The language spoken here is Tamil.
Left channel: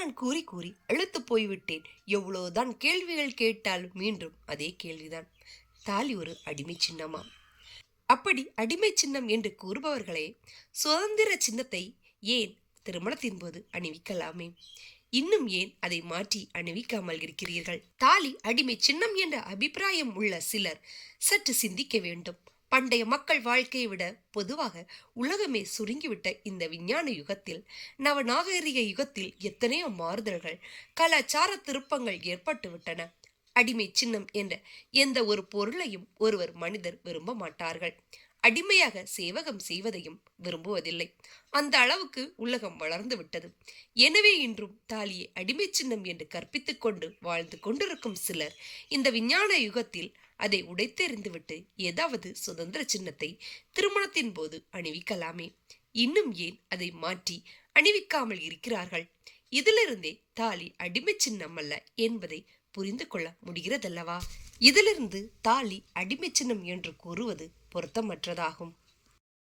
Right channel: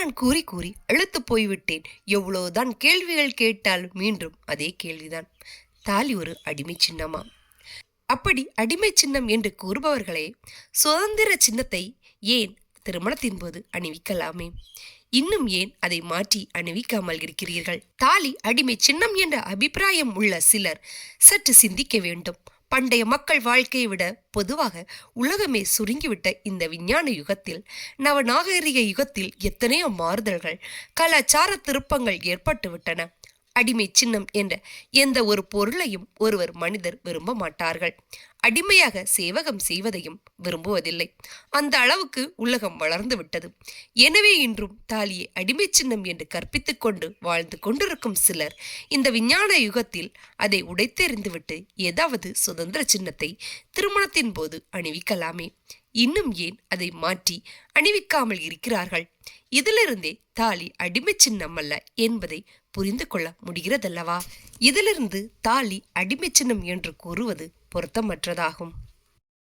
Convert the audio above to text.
நான் கூறி கூறி அழுத்து போய்விட்டேன். எவ்வளவுதான் கேள்விகள் கேட்டால் மீண்டும் அதே கேள்விதான். தாலி ஒரு அடிமை சின்னமா? அப்படி அடிமை சின்னம் என்று கூறுபவர்களே சுதந்திர சின்னத்தை ஏன் திருமணத்தின் போது அணிவிக்கலாமே? இன்னும் ஏன் அதை மாற்றி அணிவிக்காமல் இருக்கிறீர்கள்? தாலி அடிமை சின்னம் என்ற அபிப்பிராயம் உள்ள சிலர் சற்று சிந்திக்க வேண்டும். பண்டைய மக்கள் வாழ்க்கையை விட பொதுவாக உலகமே சுருங்கிவிட்ட இந்த விஞ்ஞான யுகத்தில், நவநாகரிக யுகத்தில் எத்தனையோ மாறுதல்கள், கலாச்சார திருப்பங்கள் ஏற்பட்டுவிட்டன. அடிமை சின்னம் என்ற எந்த ஒரு பொருளையும் ஒருவர் மனிதர் விரும்ப மாட்டார்கள். அடிமையாக சேவகம் செய்வதையும் விரும்புவதில்லை. அந்த அளவுக்கு உலகம் வளர்ந்து விட்டது. எனவே இன்றும் தாலியை அடிமை சின்னம் என்று கற்பித்துக் கொண்டு வாழ்ந்து கொண்டிருக்கும் சிலர் இந்த விஞ்ஞான யுகத்தில் அதை உடைத்தெறிந்துவிட்டு ஏதாவது சுதந்திர சின்னத்தை திருமணத்தின் போது அணிவிக்கலாமே? இன்னும் ஏன் அதை மாற்றி அணிவிக்காமல் இருக்கிறார்கள்? இதிலிருந்தே தாலி அடிமை சின்னம் அல்ல என்பதை புரிந்து கொள்ள முடிகிறதல்லவா? இதிலிருந்து தாலி அடிமை சின்னம் என்று கூறுவது பொருத்தமற்றதாகும்.